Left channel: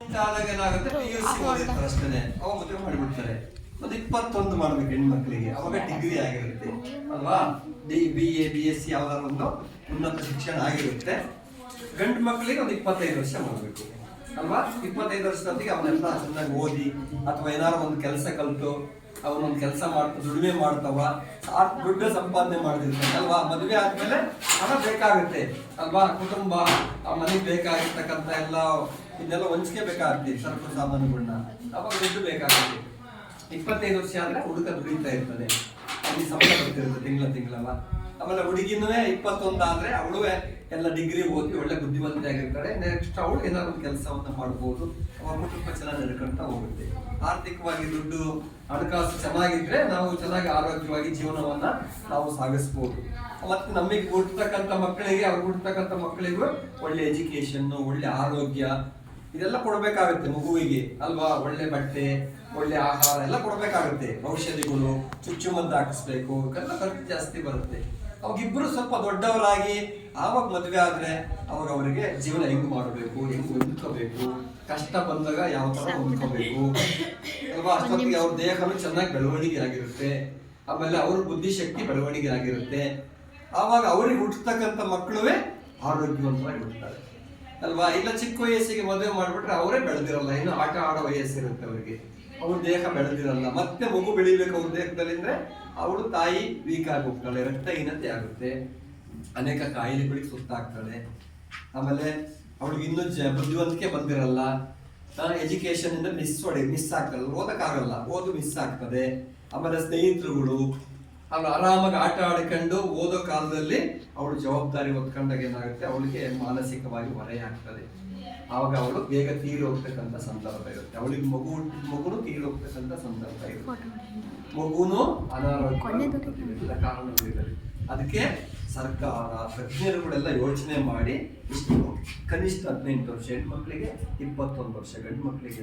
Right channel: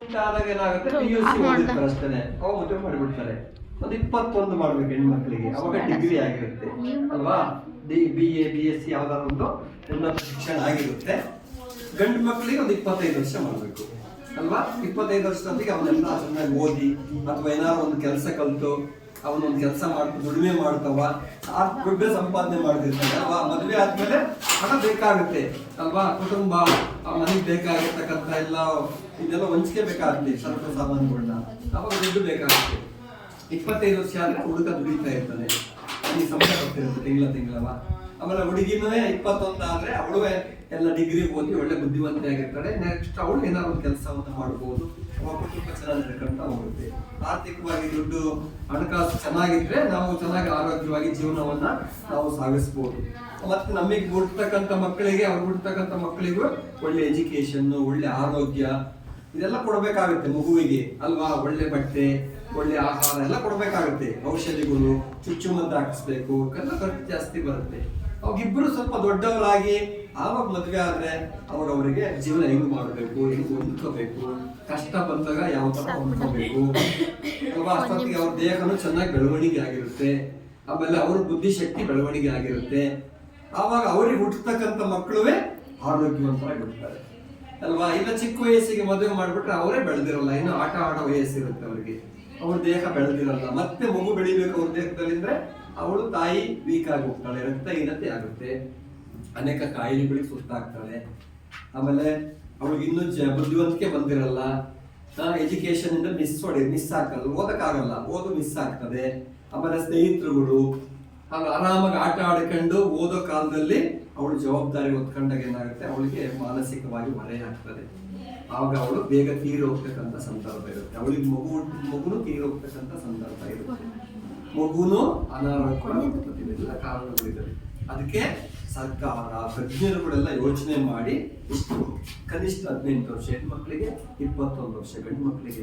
ಆದಾಗ ಏನಾಗುತ್ತೆ PUC ಓದಿರ್ತಾರೆ ಅಷ್ಟೇ, ಅವಾಗ ಮದುವೆ ಮಾಡಿಬಿಡ್ತಾರೆ. ಒಂದು 21 ಮಾಡ್ಬೇಕು ಹೆಣ್ಮಕ್ಳಿಗೆ, ಅವಾಗ ಡಿಗ್ರಿ ಆಗಿರುತ್ತೆ ಅಲ್ವಾ. BA BSc ಯಾವ್ದಾದ್ರು ಒಂದು ಉನ್ನತ ಶಿಕ್ಷಣ ಆಗಿರುತ್ತೆ. ಗಂಡು ಮಕ್ಕಳಿಗೆ ಒಂದು 25 ವರ್ಷ ಮಾಡಬೇಕು ಅಲ್ವಾ. 25 ವರ್ಷದೊಂದಿಗೆ ಅವನ್ನೆಲ್ಲ ಚೆನ್ನಾಗಿ ಓದಿ ಅಥವಾ ಏನಾದ್ರು ಒಂದು ಕೆಲಸ ಕಲಿತು ಅವನೊಂದು ಕೆಲಸ ಮಾಡ್ತಾ ದುಡಿಮೆ ಮಾಡ್ತಾವ, ದುಡ್ಡು ಸಂಪಾದನೆ ಮಾಡ್ತಿರ್ತಾನೆ ಅಲ್ವಾ. ಮದುವೆ ಆದ್ಮೇಲೆ ಹಣ ಬೇಕಾಗುತ್ತೆ ಅಲ್ವಾ. ಕುಟುಂಬ ಆ ಮನೆಗೆ ಬೇಕಾಗಿರ್ತಕ್ಕಂಥ ಇದೆಲ್ಲ ಹೊಂಚಿಕೆ ಬೇಕಾಗುತ್ತೆ, ಸರಕು ಸಾಮಾನುಗಳನ್ನ, ಅವಾಗ ದುಡ್ಡು ಬೇಕಾಗುತ್ತೆ. 25 ವರ್ಷ ಆದ್ರೆ ಹುಡುಗ ದುಡಿತಾ ಇರ್ತಾನೆ, ಅಲ್ಲಿ ಸಂಬಳ ಬರ್ತಿರುತ್ತೆ ತಿಂಗಳವ. ಆಮೇಲೆ ಹುಡುಗಿನೂ 21 ಆದ್ರೆ ಅವಳು ಎಲ್ಲ ಡಿಗ್ರಿ ಓದಿ ಒಳ್ಳೆ ಬುದ್ಧಿವಂತೆ ಆಗಿರ್ತಾಳೆ. ನೆಕ್ಸ್ಟ್ ಅವಳು ಏನಾದ್ರು ಒಂದು ಕೆಲಸವನ್ನ ಮಾಡ್ಬೋದು, ಅವಾಗ ಕುಟುಂಬ ಚೆನ್ನಾಗಿ ನಡ್ಕೊಂತ ಹೋಗುತ್ತೆ. ಆರ್ಥಿಕವಾಗಿ ದುಡ್ಡು ಹಣಕಾಸು ಚೆನ್ನಾಗಿದ್ರೆ ನಾವು ಚೆನ್ನಾಗಿ ಆರೋಗ್ಯವಾಗಿ ಜೀವನವನ್ನ ನಾವು ಸಾಗಿಸ್ಬೋದು. ಮತ್ತೆ ನಮಗೆ ಹುಡ್ತಕ್ಕಂಥ ಮಕ್ಕಳಿಗೆ ಮಕ್ಕಳಿಗೂ ಒಳ್ಳೆ ಎಜುಕೇಶನ್, ಒಳ್ಳೆ ಆರೋಗ್ಯ ಇದೆಲ್ಲ ಕೊಡಬೇಕಾಗುತ್ತೆ ಮಗುವಿಗೆ ಅಲ್ವಾ. ಒಳ್ಳೆ ಬಟ್ಟೆ, ಒಳ್ಳೆ ಆಹಾರ ಎಲ್ಲ ಕೊಡಬೇಕಾಗುತ್ತೆ. ಔಷಧಿಗಳು, ಚುಚ್ಚುಮದ್ದು ಹಾಕಿಸ್ಬೇಕು, ಎಲ್ಲ ಖರ್ಚು ಜಾಸ್ತಿ ಬರುತ್ತೆ. ಅವಾಗಿಬ್ರು ಸ್ವಲ್ಪ ದೊಡ್ಡವರಾಗಿ ಆವಾಗ ಮದುವೆ ಆದ್ರೆ ಅವರಿಗೆ ಜೀವನ ಹೆಂಗ್ ಮಾಡಬೇಕು, ಹೆಂಗ್ ಹೊಂದ್ಕೋಬೇಕು, ಕಷ್ಟ ಬಂದಾಗ ಯಾವ ತರ ಹೊಂದ್ಕೋಬೇಕು ಅಲ್ವಾ. ಅಷ್ಟೊತ್ತಿಗೆ ಅವ್ರ ದೇಹನೂ ಚೆನ್ನಾಗಿ ಬೆಳವಣಿಗೆ ಆಗಿರುತ್ತೆ, ಆಮೇಲೆ ಅವ್ರ ಬುದ್ಧಿಶಕ್ತಿ ಬೆಳವಣಿಗೆ ಆಗಿರುತ್ತೆ. ಆವಾಗ ಅವ್ರಿಗೆ ಹುಟ್ಟತಕ್ಕಂಥ ಮಕ್ಕಳುವೇ ಆರೋಗ್ಯವಂತರಾಗಿ ಹುಟ್ಟುತ್ತಾರೆ ಅಲ್ವಾ. ಇಲ್ಲ ಚಿಕ್ಕ ವಯಸ್ಸಿಗೆ ಮದುವೆ ಮಾಡ್ಬಿಟ್ರೆ ಅವರೇ ಬೆಳೆದಿರಲ್ಲ, ಇನ್ನು ಆಟ ಆಡೋ ವಯಸ್ಸಿರುತ್ತೆ ಅವ್ರಿಗೆ, ಅವ್ರ ದೇಹ ಬೆಳೆದಿರಲ್ಲ. ಮತ್ತೆ ಮಗು ಬೆಳಿಬೇಕು ಅವ್ರ ದೇಹದಲ್ಲಿ ಅಂದ್ರೆ ಅವಳು ತಾಯಿ ವೀಕ್ ಆಗಿ ಹೋಗ್ತಾಳೆ, ರಕ್ತಹೀನತೆ ಆಗುತ್ತೆ, ಅನೇಕ ಕಾಯಿಲೆಗಳಿಗೆ ಸುತ್ತಾಗ್ತಾಳೆ. ಆಮೇಲೆ ಅವಳಿಗೆ ಇನ್ನೂ ಬುದ್ಧಿವಂತಿಕೆ ಬಂದಿರಲ್ಲ, ಎಜುಕೇಶನ್ ಇಂದ ಮಿಸ್ ಆಗ್ತದೆ, ಓದಕ್ಕಾಗಲ್ಲ, ಓದು ಮಿಸ್ ಆಗ್ತದೆ. ಆಮೇಲೆ ಸ್ನೇಹಿತರುಗಳು ಅವಳು ಆರಾಮಾಗಿ ಆಟ ಆಡ್ಕೊಂಡು ಓದೋ ಕಾಲದಲ್ಲಿ ಅವಳು ಜವಾಬ್ದಾರಿ ಹೊತ್ಕೊಂಡಾಗ ಏನಾಗುತ್ತೆ ಅವಳಿಗೆ ಮಾನಸಿಕವಾಗಿ ಹೊರೆ ಆಗ್ತದೆ. ಆವಾಗ ಅವಳು ಬೇಗ ತೀರಿ ಹೋಗ್ತಕ್ಕಂಥ ಸಂದರ್ಭ ಇರುತ್ತೆ. ಅವಳಿಗೆ ಮಗುನು ತೀರಿ ಹೋಗ್ತಕ್ಕಂಥ ಸಂದರ್ಭ ಇರುತ್ತೆ, ಮಗುನು ಅನಾರೋಗ್ಯ ಎಲ್ಲ ಕಾರಣಗಳಿದೆ. ಅದಕ್ಕೆ ಸರ್ಕಾರ ತಜ್ಞರುಗಳೆಲ್ಲ ಯೋಚನೆ ಮಾಡಿ ಇಷ್ಟು ಕನಿಷ್ಠ 18 ವರ್ಷ ಹೆಣ್ಮಕ್ಳಿಗೆ, 21 ವರ್ಷ ಗಂಡು ಮಕ್ಕಳಿಗೆ